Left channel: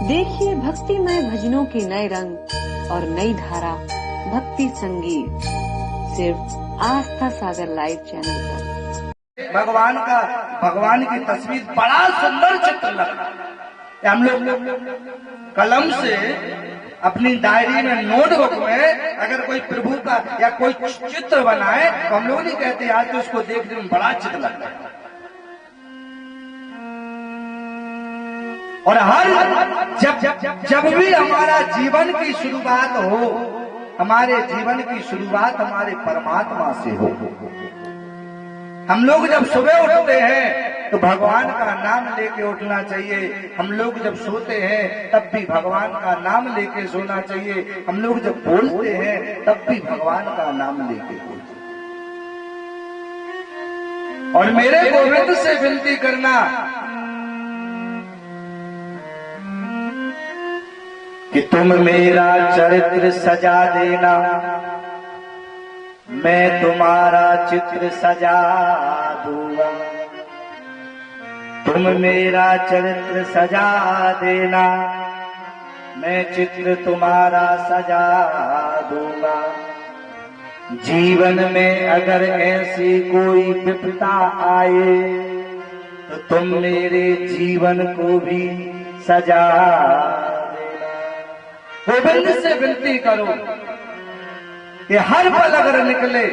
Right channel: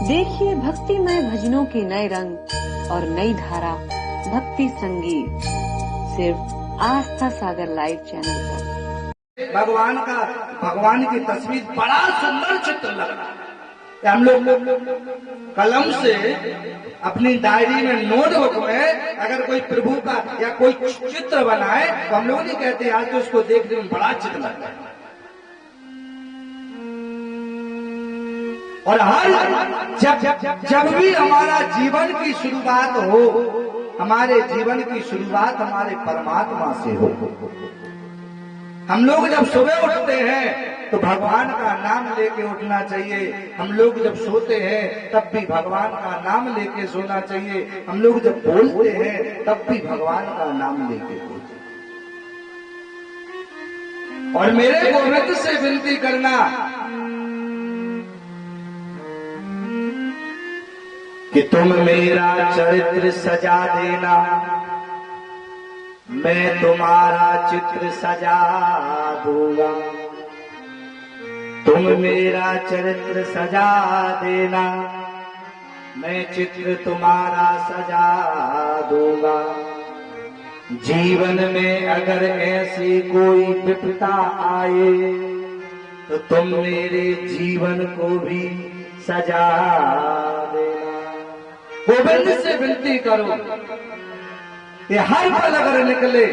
देखिए भक्तिमय भजनों के नए रंग और नई धारा भक्ति संगीत सिर्फ आस्था सागर लाइव चैनल पर। भगवान की तस्वीर बड़ा सुंदर चित्र लगा। हम लोग कलम से अपनी डायरी में नोटबुक में अगर कोई प्रभु का या कोई चित्र बनाए तो हम लोग नहीं कहते आज तो उसको देखने में बड़ा चित्र लगता है। और हर जब भी हमारा जीवन की शुरुआत हो, हमारे जीवन की शुरुआत हमारे परमात्मा से हो। हम लोग जब सुबह उठते हैं तो भगवान का नाम लेके उठना चाहिए। हम लोग जब सोते हैं तब भी भगवान का नाम लेके सोना चाहिए। हम लोग जब बोलते हैं तब भी भगवान का नाम लेके बोलते हैं। और मेरे गोविंद से विनती करना कि तुम मेरा चरित्र सजा देना, मैं तुम्हारा चित्र सजा दूंगा। तुम मेरा चरित्र सजा देना, मैं चित्र तुम्हारा सजा दूंगा। जीवन में अगर ऐसी कोई विपदा आए तो तुम मेरे जीवन को भी सजा देना। गोविंद से विनती करो कि हर पल अगर निकले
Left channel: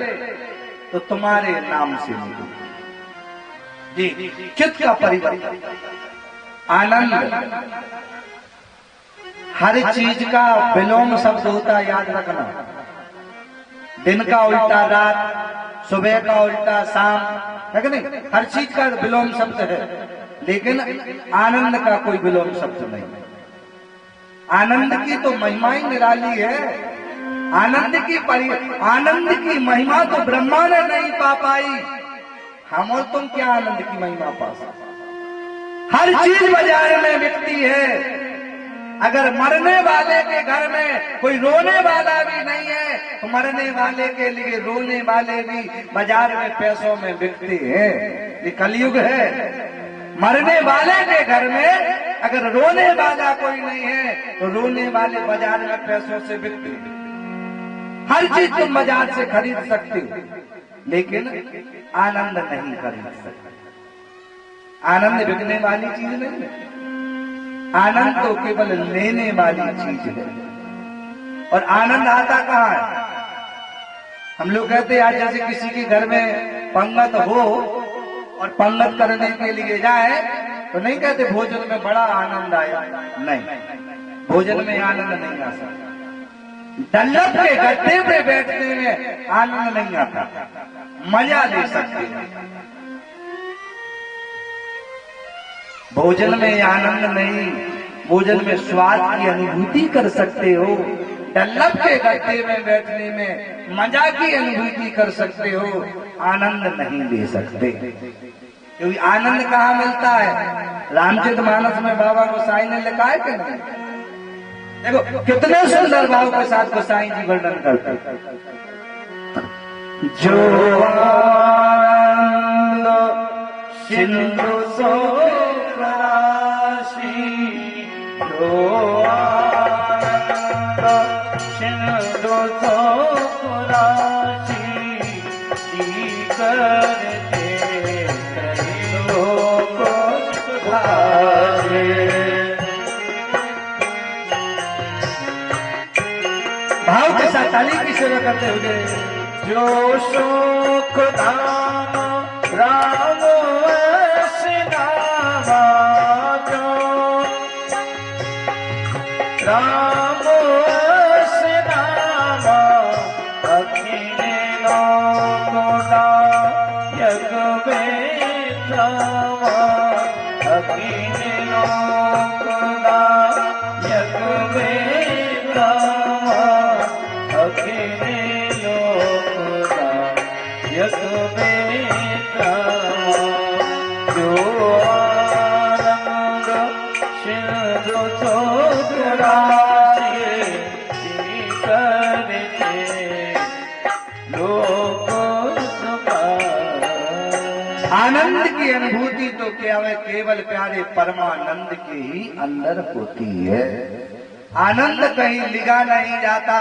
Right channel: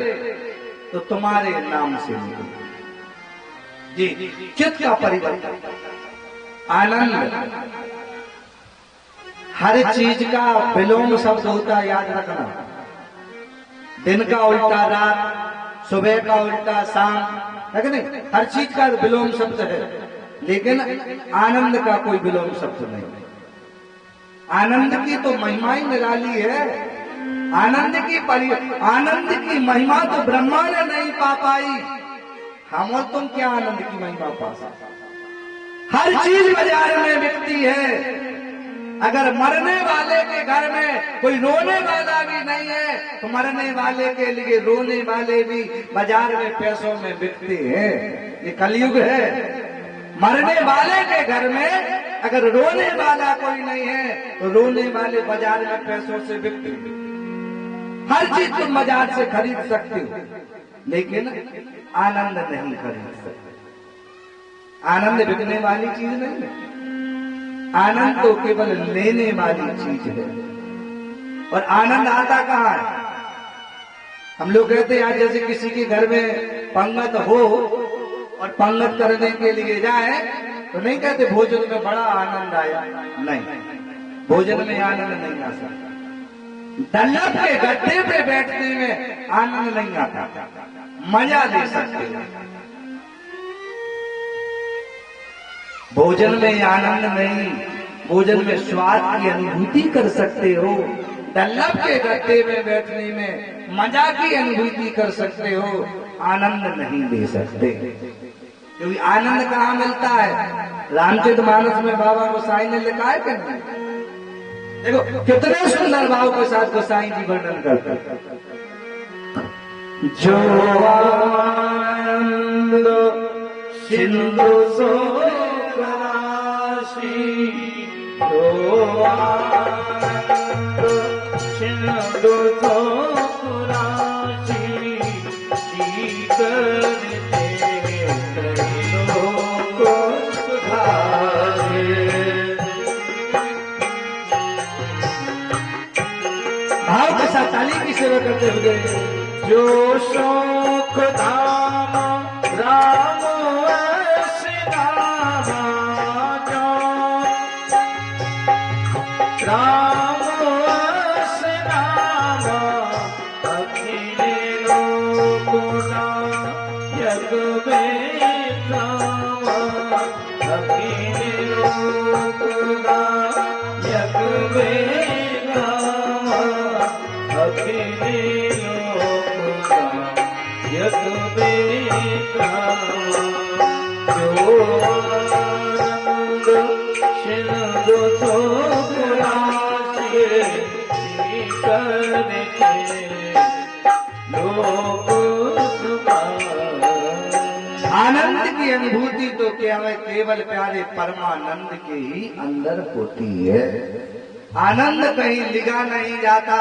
तो तुम्हारे नाम से निकले। जी, चित्त का परिवर्तन, आनंद, हर चीज का विलोम शब्द होता है, याद रखना। दिन का उल्टा रात, सुबह का उल्टा शाम, है कि नहीं? हर चीज का विलोम शब्द है, लेकिन आनंद का कोई विलोम शब्द नहीं। आनंद की तो महिमा ही निराली है। आनंद की महिमा तो ब्रह्मा ने नहीं पा पाई। हम और तुम क्या आनंद की महिमा पा सकते? हर चीज बाजार में बिकती है। अगर मरने वाले के घर में कोई रोने वाला भी नहीं है तो मरने वाले के लिए रोने वाले भी बाजार में पैसों में बिकते हैं। ये कलयुग है। मरने वाले के घर में अगर रोने वाला कोई नहीं है तो रोने वाले बाजार में पैसों से बिकते हैं। हर चीज तुम बाजार से खरीद सकते हो, लेकिन आनंद नहीं खरीद सकते। आनंद बिकने वाली चीज नहीं है। आनंद तो केवल लेने वाली चीज है। और आनंद आता कहाँ है? हम लोग कहते हैं आज जैसे किसी के घर में पंगत हो और पंगत करने के लिए जाए तो नहीं कहते भोजन में बड़ा आनंद आया। नहीं, भोजन में आनंद नहीं आ सकता। डल्लभ के गड्ढे पे बैठने में आनंद नहीं आता, मजा ले सकते हैं। भोजन में आनंद नहीं, भोजन में स्वाद की अनुभूति कर सकते हो। डल्लभ के गड्ढे में बैठने में मजा की अनुभूति कर सकते हो, आनंद नहीं ले सकते। क्योंकि आनंद कहाँ मिलता है? रामचरितमानस में बाबा गोसाई ने लिखा है कि नहीं? देखो कितने सुंदर भाव के साथ गोसाई जी वर्णन करते हैं। जो आनंद सिंधु सो राशि, जो आनंद सिंधु सो राशि, भाव के साथ ताली की सेवा करते हुए। जो सुख धाम राम सिनामा, जो राम सिनामा, अखिल लोकुना यग वेदामा, अखिल लोकुना यग वेदामा, अखिल लोकुना यग वेदामा। जो आनंद सिंधु सो राशि, लोक सुखा। आनंद की अनुभूति तो के हमें केवल प्यारे परमानंद के ही अंदर होती है। आनंद कहीं लिखा नहीं जाता।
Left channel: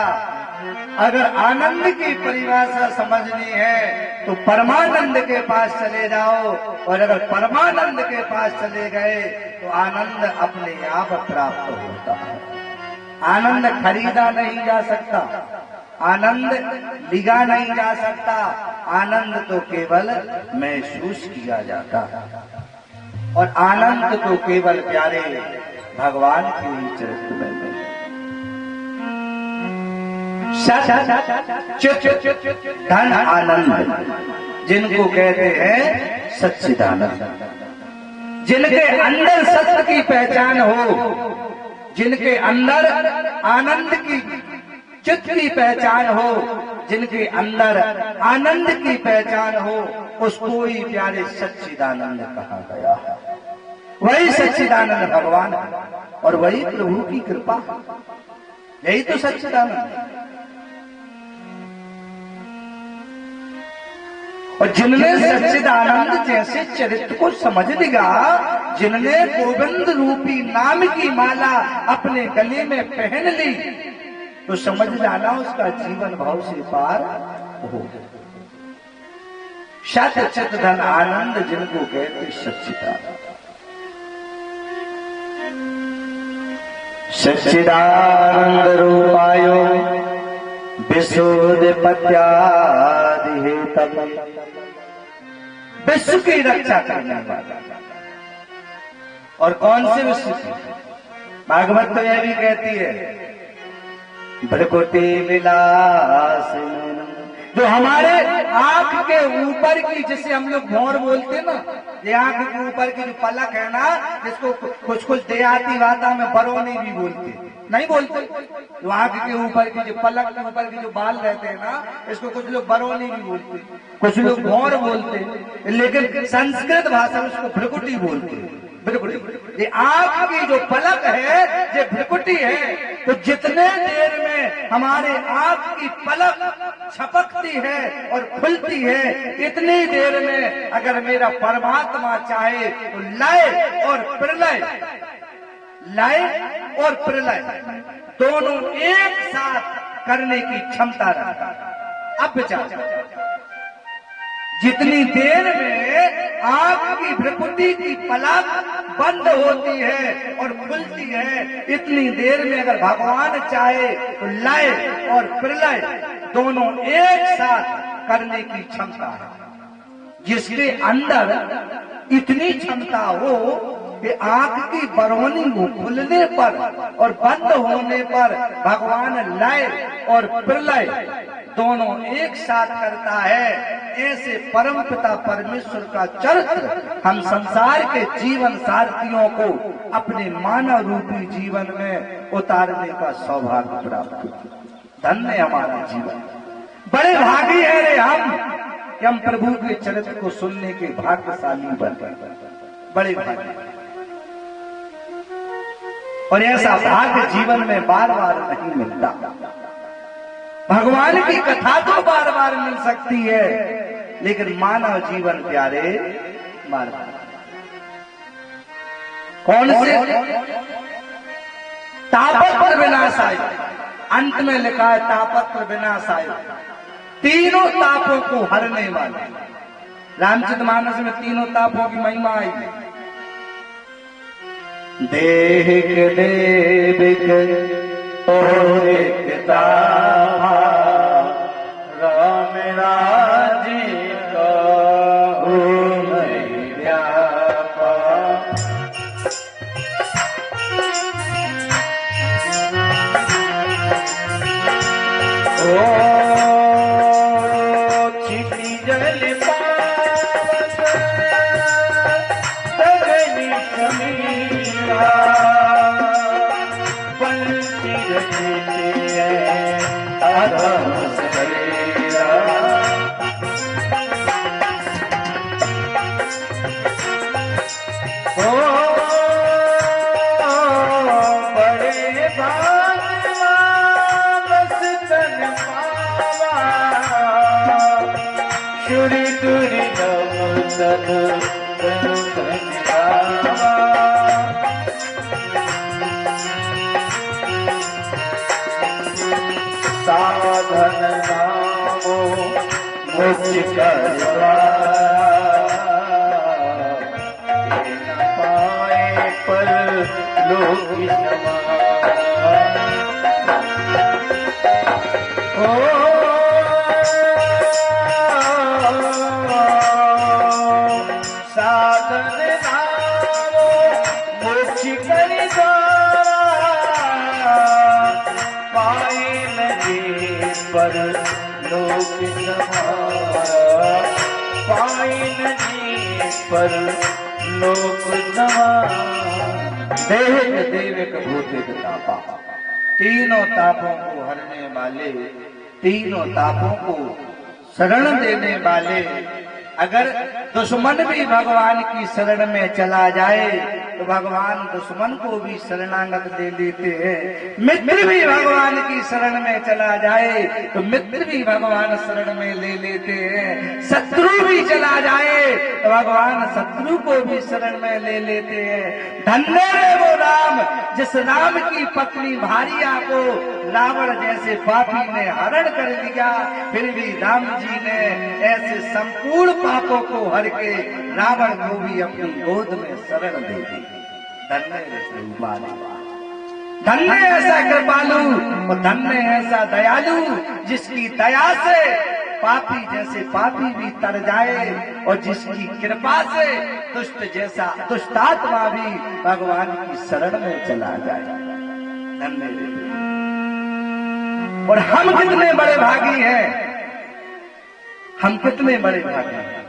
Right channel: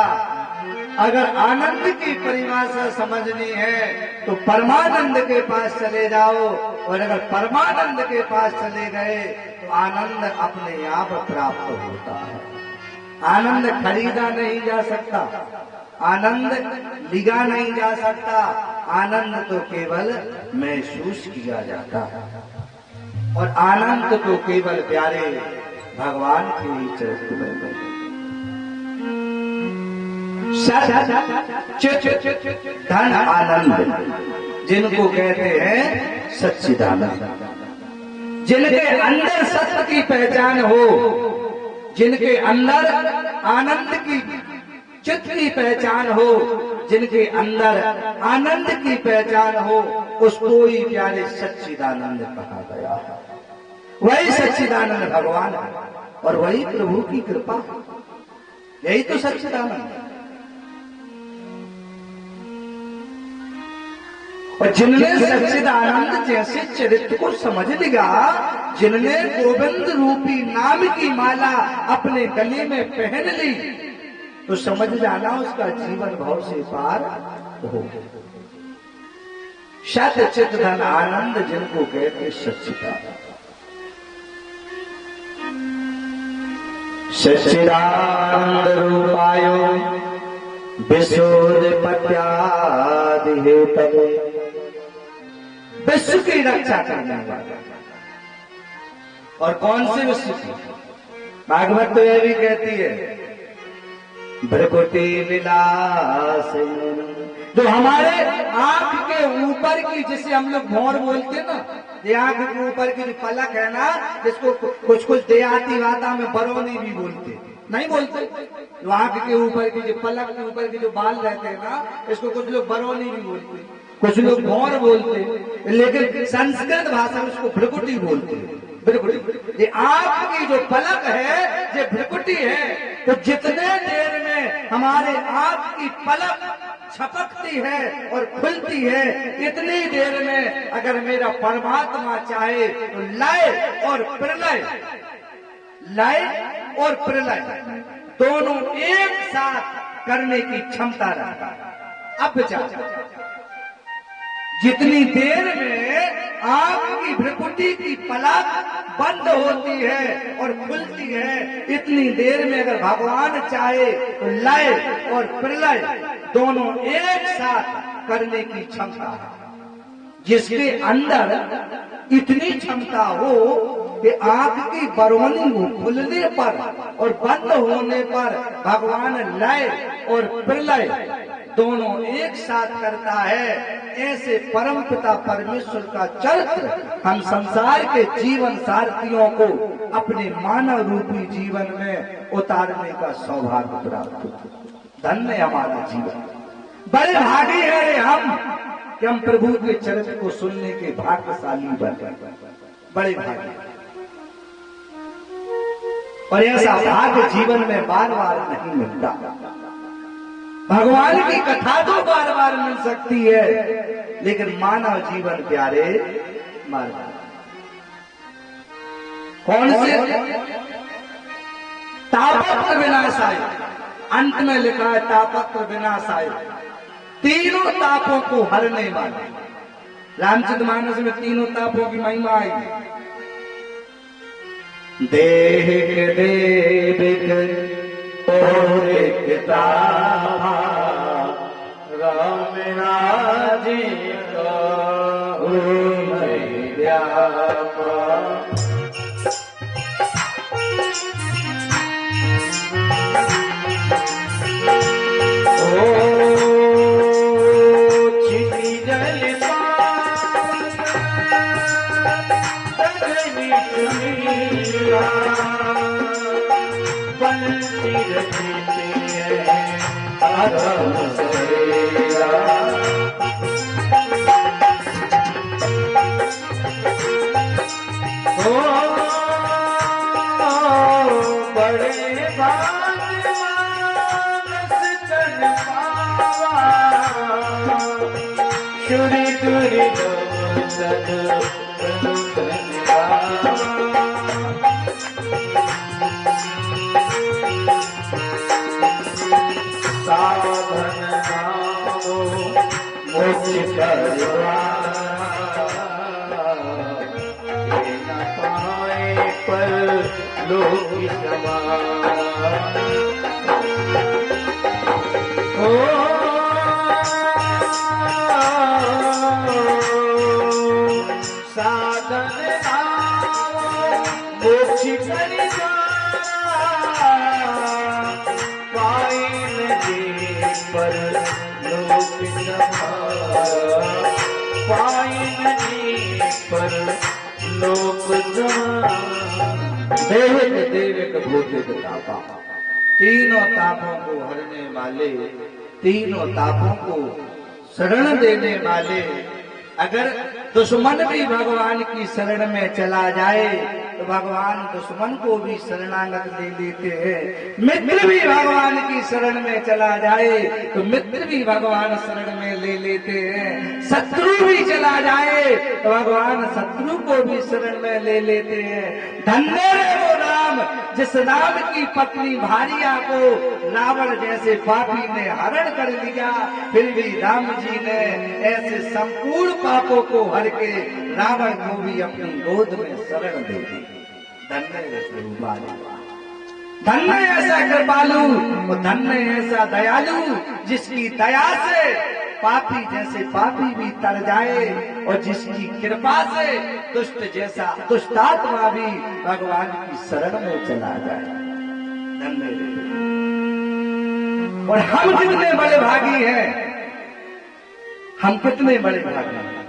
अगर आनंद की परिभाषा समझनी है तो परमानंद के पास चले जाओ, और अगर परमानंद के पास चले गए तो आनंद अपने आप प्राप्त होता है। आनंद खरीदा नहीं जा सकता, आनंद लिखा नहीं जा सकता, आनंद तो केवल महसूस किया जाता है। और आनंद तो केवल प्यारे भगवान के ही चरित्र में धन आनंद जिनको कहते हैं सच्चिदानंद, जिनके अंदर सत्य की पहचान हो, जिनके अंदर आनंद की चित्त की पहचान हो, जिनके अंदर आनंद की पहचान हो, उसको ही प्यारे सच्चिदानंद कहा गया है। वही सच्चिदानंद भगवान है और वही प्रभु की कृपा, यही तो सच्चिदानंद। और जिनने सच्चिदानंद जैसे चरित्र को समझ लिया, जिनने गोविंद रूपी नाम की माला अपने गले में पहन ली, तो समझ जाना उसका जीवन भाव से पार हो। सत चित धन आनंद जिनको कहते सच्चिदानंद। सच्चिदानंद रूपायो विशोधपत्यादिहेतवे, विश्व की रक्षा करने वाला। और कौन से विश्व की? भागवत तो यह भी कहती है भ्रकुटी विलास, तो हमारे आंख के ऊपर की, जिसे हम लोग भौर बोलते ना, ये आंख के ऊपर की जो पलक है ना, जिसको कुछ कुछ देहाती भाषा में बरौनी भी बोलते, नहीं बोलते, जो आंख के ऊपर की जो पलक के ऊपर की जो बाल रहते हैं ना, इसको कुछ लोग बरौनी भी बोलते, कुछ लोग भौर बोलते, लेकिन संस्कृत भाषा में उसको भ्रकुटी बोलते हैं। भ्रकुटी, ये आंख की जो पलक है ये भ्रकुटी है। तो जितने देर में हमारे आंख की पलक छपकती है और खुलती है, इतनी देर में अगर मेरा परमात्मा चाहे तो लय और प्रलय, लय और प्रलय दोनों एक साथ करने की क्षमता रखता है। अब विचार, जितनी देर में आंख की भ्रकुटी की पलक बंद होती है और खुलती है, इतनी देर में अगर भगवान चाहे तो लय और प्रलय दोनों एक साथ करने की क्षमता है। जिसके अंदर इतनी क्षमता हो कि आंख की बरौनी हो खुलने पर और बंद होने पर भगवान लय और प्रलय दोनों एक साथ करता है, ऐसे परम पिता परमेश्वर का चरित्र हम संसार के जीवन सारथियों को अपने मानव रूपी जीवन में उतारने का सौभाग्य प्राप्त हो। धन्य हमारा जीवन, बड़े भागी है रे हम कि हम प्रभु के चरित्र को सुनने के भाग्यशाली बन गए, बड़े भागी। और ऐसा भाग्य जीवन में बार बार नहीं मिलता। भगवान की कथा तो बार बार मिल सकती है, लेकिन मानव जीवन प्यारे मार कौन से? तापत्र विनाशाय, अंत में लिखा है तापत्र विनाशाय, तीनों तापों को हरने वाले। रामचरितमानस में तीनों तापों की महिमा आई। देह के देविक राम राजी साधन नामो मोक्ष करवा न पाए पर लोक क्षमा ओ साधन नामो मोक्ष करवा पाए न पर लोक समाया पाए नहीं पर लोक समाया देविक देविक भूतिक तापा तीनों तापों को हरने वाले तीनों तापों को शरण देने वाले अगर दुश्मन भी भगवान की शरण में चला जाए तो भगवान दुश्मन को भी शरणागत दे लेते हैं। मित्र भी भगवान की शरण में चला जाए तो मित्र भी भगवान शरण में ले लेते हैं। शत्रु भी चला जाए तो भगवान शत्रु को भी शरण में ले लेते हैं। धन्य है वो राम जिस राम की पत्नी भारिया को रावण जैसे पापी ने हरण कर लिया, फिर भी राम जी ने ऐसे संपूर्ण पापों को हर के रावण को भी अपनी गोद में शरण दे दी। धन्य ऐसे उबाले, धन्य ऐसा कृपालु और धन्य ऐसा दयालु जिसकी दया से पापी जैसे पापी भी तर जाए और जिसकी कृपा से दुष्ट जैसा दुष्टात्मा भी भगवान की शरण में चला जाए। धन्य। और हम कितने बड़े भागी हैं, हम कितने बड़े भागी हैं।